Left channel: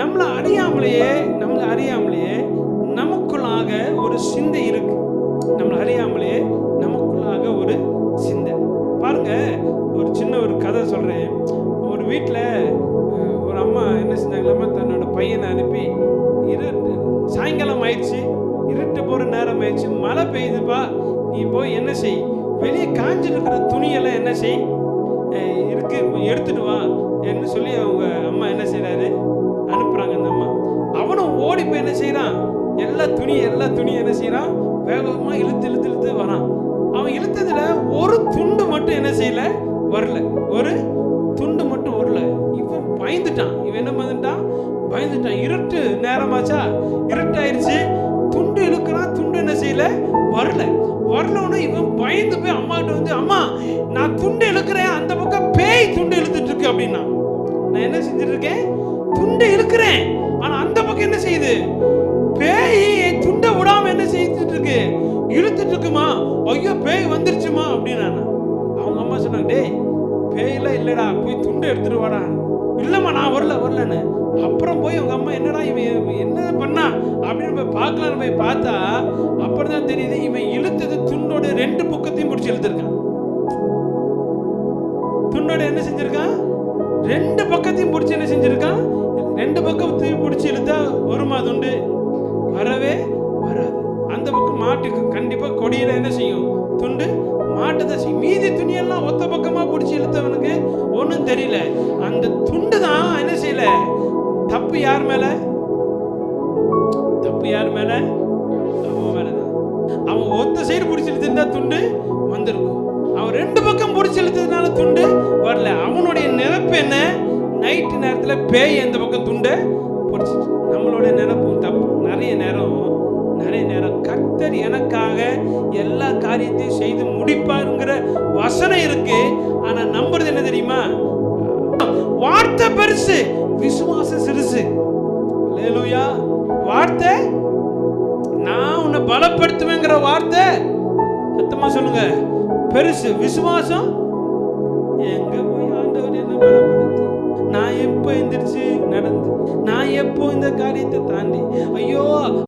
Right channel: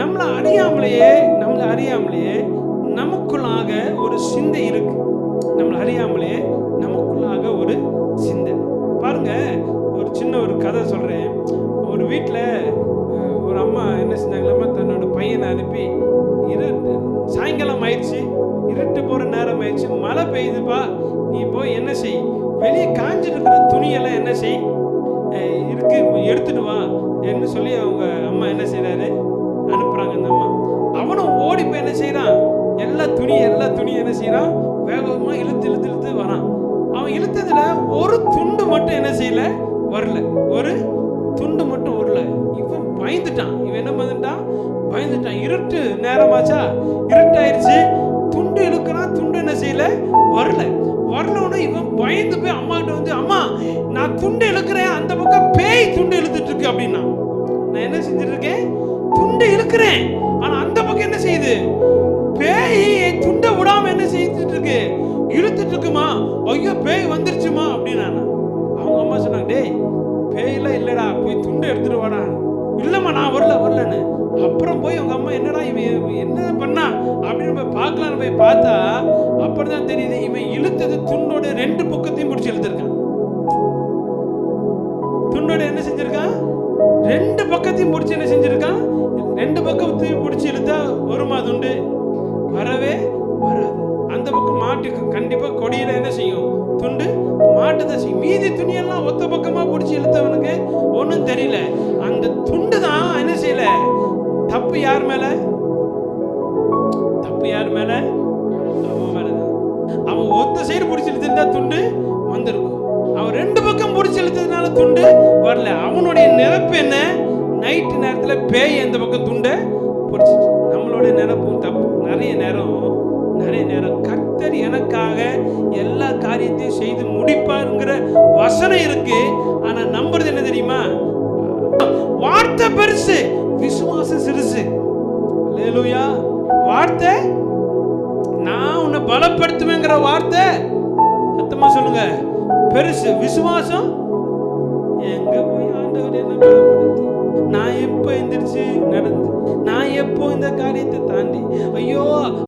நம்மளை அறியாமலேயே நமக்குள்ளாக ஒரு சிந்தை இருக்கு. நம்மளை அறியாமலேயே நமக்குள்ளாக ஒரு சிந்தை. பாருங்க, ஒரு சின்ன ஒரு கதை சொல்றேன். ஒரு வீட்டில் ஒரு அம்மா என்ன செஞ்சாங்களாமா, தன்னோட பையனை அனுப்பி சாயங்காலம் ஆயிடுச்சு, இருட்டு போற நேரம் ஆயிடுச்சு, மழை பெய்யுதுப்பா, நீ போய் என்ன செய், வெளியே காஞ்சிட்டு இருக்கிற துணியெல்லாம் என்ன செய் இருக்கு, எடுத்துட்டு வா என்று சொல்லி அவங்க அம்மா என்ன செய்யறாரு, அனுப்புறாங்க. அந்த அம்மா அவனும் ஓடி போய் என்ன செய்யறான், எல்லா துணியும் என்ன செய்யறான், வேகமா இழுத்து வரான். அவன் இழுத்ததுல ஒரு துண்டு மட்டும் என்ன செய்யல, வரல. ஒரு துண்டு மட்டும் வரல. இவன் பயந்துட்டான். இவன் என்ன பயந்துட்டான். இருட்டு நேரமாச்சா, இருட்டாயிருச்சு, துண்டு இழுக்கிறான், துண்டு என்ன செய்யல, வரலன்னு இவன் பயந்து போய் அம்மா கிட்ட வந்து, அம்மா நான் துண்டு இழுக்கிறேன், அந்த பக்கம் பேய் துண்டு இழுத்துட்டு இருக்கு அப்படின்னா. நான் என்ன செஞ்சுட்டு இருக்கேன், துண்டு இழுக்கிறேன், ஆனா அந்த பக்கம் என்ன செய்யுது, பேய் துண்டை விடாம என்ன செய்துட்டு இருக்கு, இழுத்துட்டு இருக்குமா. ஐயோ பேய் வந்துருச்சுமா அப்படின்னா. அவங்க அம்மா சொன்னாங்க, டேய் பேயெல்லாம் இல்லடா, போய் துண்டை எடுத்துட்டு வாடா. இல்லம்மா நான் வரலன்னு. அப்புறம் போய் உங்க அம்மா என்னடா இவன் என்ன பண்ணா அப்படின்னு போய் பார்க்கலான்னு போய் பார்த்தா அப்படிதான் தெரியுது, இவன் இழுத்தது துண்டோட 2 பக்கத்தையும் பிடிச்சி இழுத்திருக்கான். துண்டோட என்ன செஞ்சிருக்கான், 2 பக்கத்தையும் பிடிச்சி என்ன செஞ்சிருக்கான், 2 பக்கத்தையும் பிடிச்சி இழுத்தா வருமா துண்டு, வரவே வராது. அந்த பக்கம் மாட்டுக்கு கண்டிப்பா கொடியில என்ன செய்யும், துண்டு மாட்டதான் செய்யும். மீதி துணியெல்லாம் ஒத்த பக்கமா பிடிச்சி இழுத்தவனுக்கு ஒன்றும் தெரியல. அந்த துண்டு தான் என்ன செய்யல. தப்பு யார் மேல, அவன் மேலதான். அவன் ஒத்த சைடு பிடிச்சி இழுத்திருந்தா துண்டு வந்திருக்கும். அவன் 2 பக்கம் பிடிச்சி இழுத்ததுனால துண்டு வரல. அவனுடைய நிரப்பு என்ன, நைட்டு நேரத்தில் பேய் எந்த பக்கம் துண்டை பிடிச்சிட்டு. நம்மளுடைய நிரப்பும் தப்பு. நிறைய நேரம் கர்த்தர் எனக்காக எல்லா காரியத்தையும் செய்து முடிப்பாருங்கிற வசனம் இருக்கு. ஆனா நம்புறது என்ன தெரியுமா, வார்த்தை பெருசு, விசுவாசம் சிறுசு. அல்லேலூயா. வார்த்தை, நான் உன்னை பலப்படுத்துவேங்கிற வார்த்தை சத்தமா சொல்லுங்க, பெருசு. விசுவாசம், எங்க போய் ஆண்டவர் என்ன பலப்படுத்தி, நான் எப்போ எந்திரிச்சு நடந்து, நான் எப்போ இந்த காரியத்தை தாண்டி, ஐயோ